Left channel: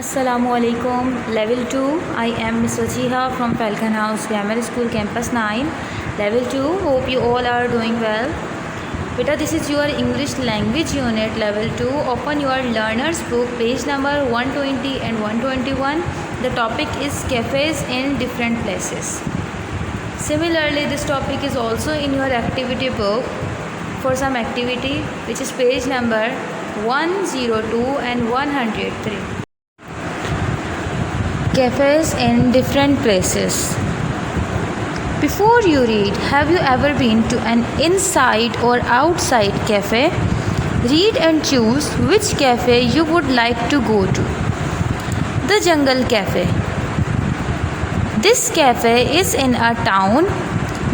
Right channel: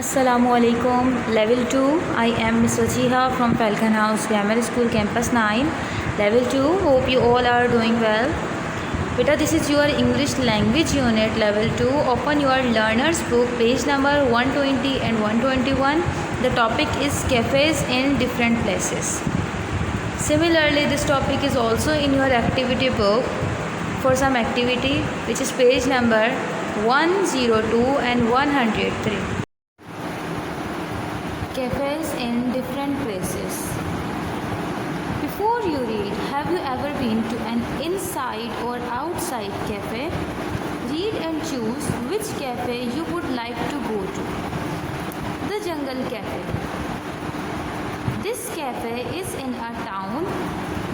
Assalamualaikum. Level 2. I am Miss Wajiha from Falcon House Grammar School Campus 9. Level 2. Hope you all are doing well. Beta, this is your English language unit level 2. Open your learner's book, page number 120 and 121. The topic is cafes in different places. Similarly, this topic is also in your activity book for some activity, which is page number 102 and 103. Cafes in different places. Before you read, have you ever been to an inside or outside cafe? Read and choose which cafe you would like to go to. The Jungle Cafe. This cafe is in a town.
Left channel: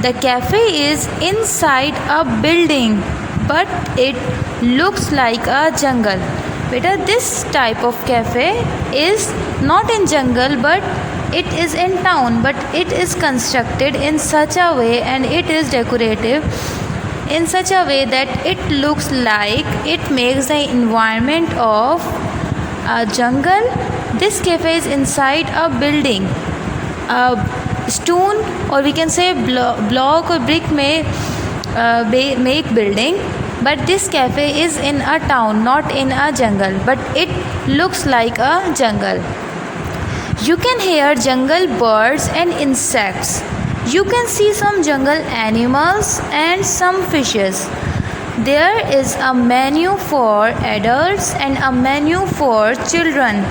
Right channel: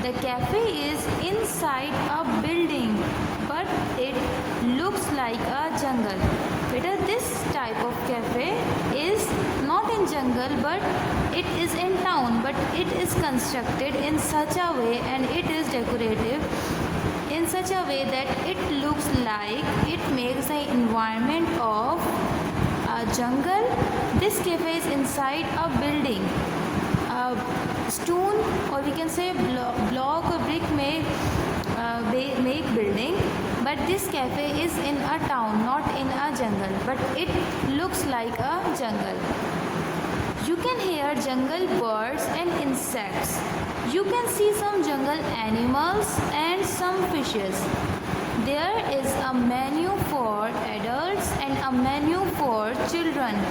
The cafe is inside a building, but it looks like a jungle. Beta, this type of cafe is not in jungle, but it is in town, but it is constructed in such a way and it is decorative in such a way that it looks like it makes the environment of a jungle. This cafe is inside a building. A stone, or we can say block or brick may make building, but this cafe is in a town, not in a jungle, but it looks like a jungle. You can hear jungle birds and insects. You can see some jungle animals and some fishes. There is a menu for adults and a menu for children.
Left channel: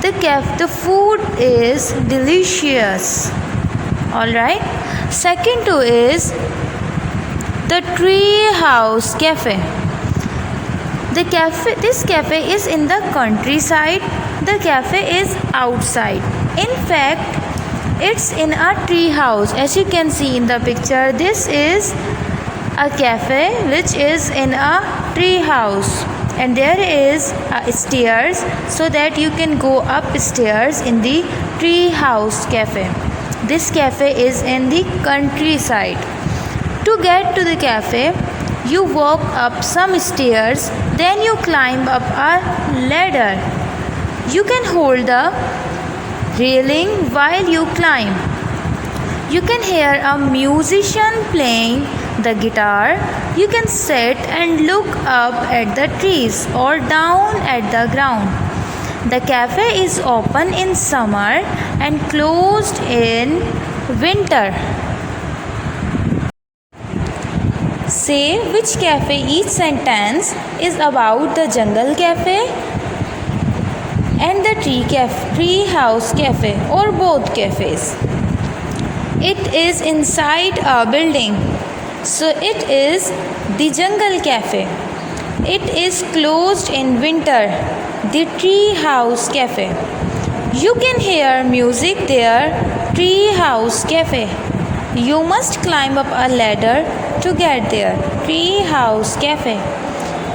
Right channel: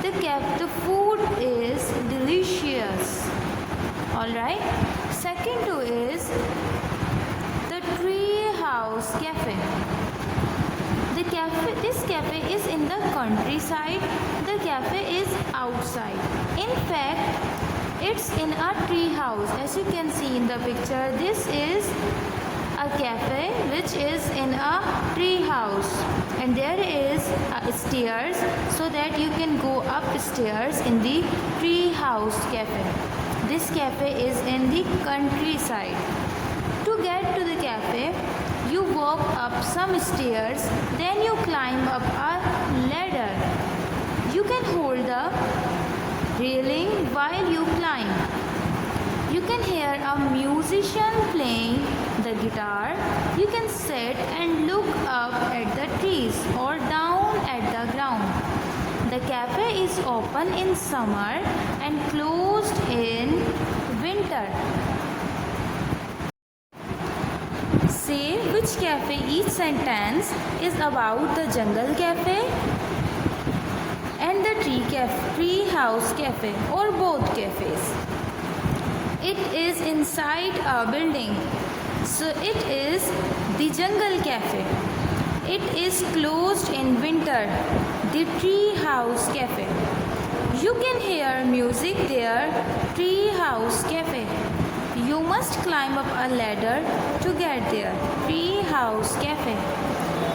The food is delicious. Alright. Second to is the Tree House Cafe. This cafe is in the countryside. The cafe is outside. In fact, it's in a tree house. As you can see in the picture, this is a cafe which is in a tree house, and there is stairs so that you can go upstairs in the Tree House Cafe. This cafe is in the countryside. To get to the cafe, you walk up some stairs, then you climb up a ladder. You can hold the railing while you climb. You can hear a musician playing the guitar. You can sit and look up at the trees or down at the ground. The cafe is open in summer and closed in winter. Say which cafe each sentence is about: the Jungle Cafe and the Tree House Cafe, or both cafes. It is inside a building, so it is the Jungle Cafe. It is closed in winter, the Tree House Cafe. You can hear music there, Tree House Cafe. You must climb up a ladder to get there, Tree House Cafe.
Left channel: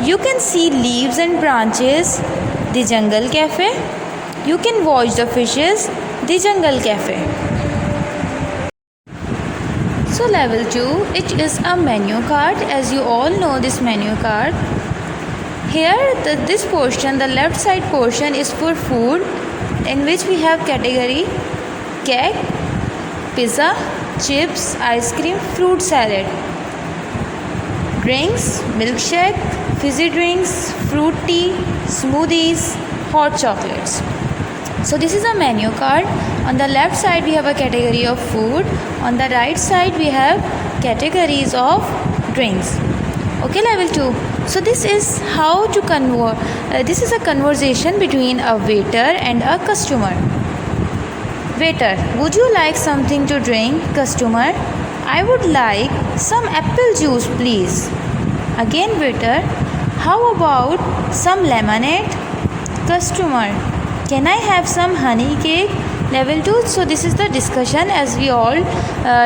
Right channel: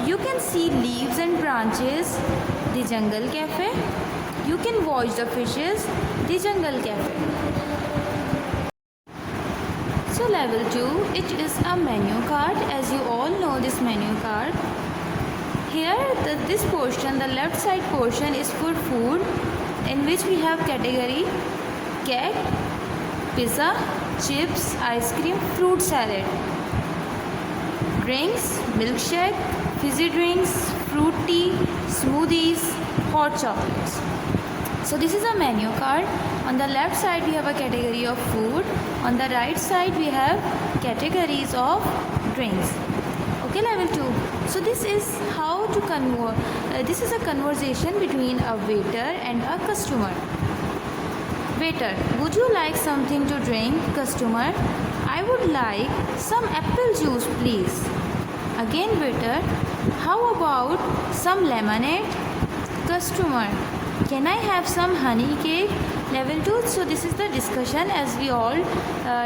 You can see leaves and branches, the Jungle Cafe. You can watch the fishes, the Jungle Cafe. So level 2, it is a menu card. As you all know this menu card. Here this portion, the left side portion, is for food, in which we have category cake, pizza, chips, ice cream, fruit salad, drinks, milkshake, fizzy drinks, fruit tea, smoothies, hot chocolates. So this is a menu card. On the left side we have a category of food. On the right side we have categories of drinks. Okay, level 2. So this is how to convert. This is a conversation between a waiter and a customer. Waiter, would you like something to drink? Customer, I would like some apple juice, please. Again, waiter, how about some lemonade? Customer, can I have some honey cake? Level 2. So this is the discussion as we all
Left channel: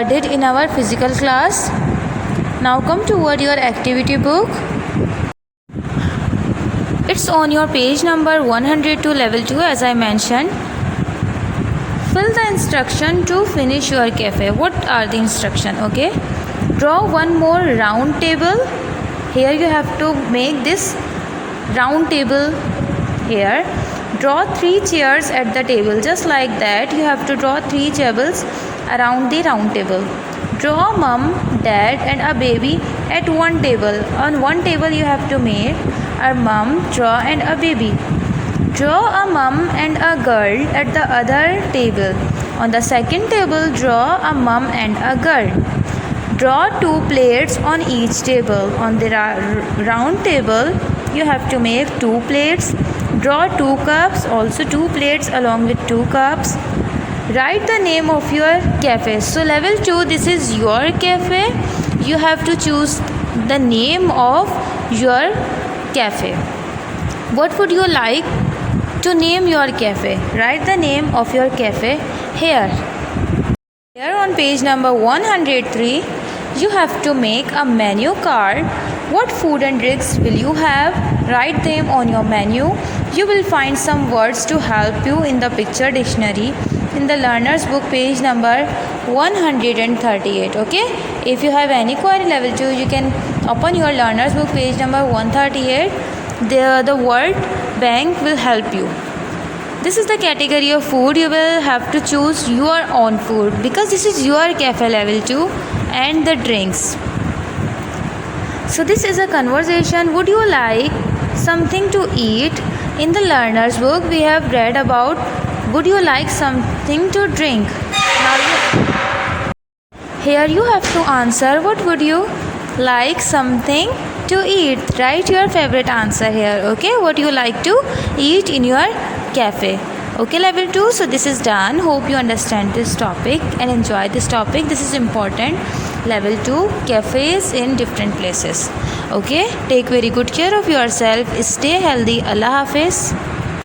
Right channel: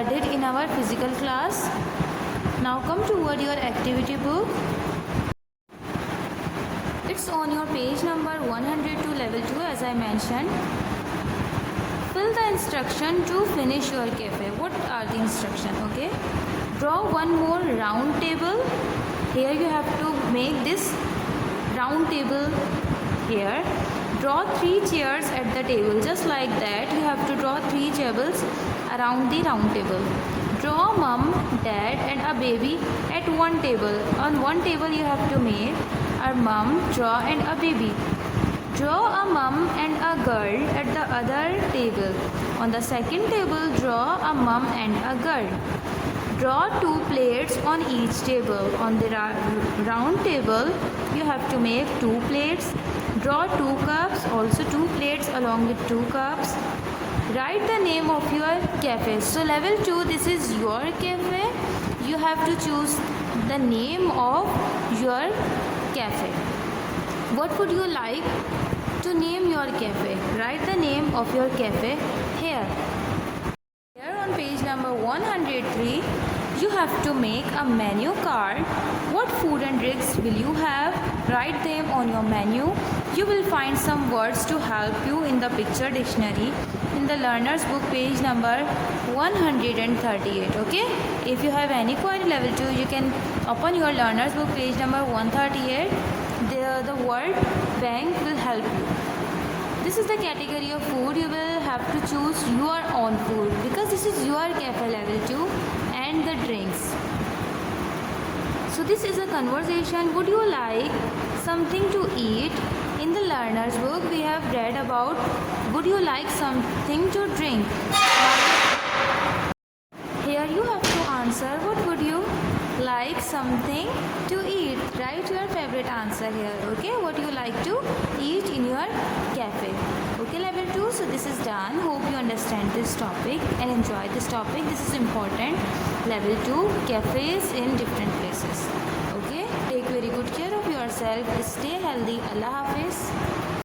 did in our physical class. Now come toward your activity book. It's on your page number 102, level 2, as I mentioned. Fill the instruction to finish your cafe. What are the instructions? Okay. Draw one more round table. Here you have to make this round table here. Draw 3 chairs at the table. Just like that, you have to draw 3 tables around the round table. Draw mom, dad and a baby at one table. On one table you have to make a mom, draw and a baby. Draw a mom and a girl at the other table. On the second table, draw a mom and a girl. Draw 2 plates on each table. On the round table, you have to make 2 plates. Draw 2 cups, also 2 plates along with 2 cups. Write the name of your cafe. So level 2, this is your cafe. You have to choose the name of your cafe. What would you like to name your cafe? Write the name of your cafe here. Here on page number 103, you have to make a menu card. What food and drinks will you have? Write them on your menu. You will find some words to help you in the picture dictionary in the learner's book, page number 138. Okay, if you have any query level 2, you can open your learner's book, page number 138. The word bank will help you. This is the category of food. You will have to choose your own food because this is your cafe level 2. And the drinks. So this is a conversation. Would you like something to eat? In the learner's book we have read about would you like something to drink. Here you have to answer what would you like something to eat. Write your favorite answer here. Okay, what you like to eat in your cafe. Okay, level 2. So this is done. Hope you understand this topic and enjoy this topic. This is important. Level 2, cafes in different places. Okay, take very good care of yourself. Stay healthy. Allah Hafiz.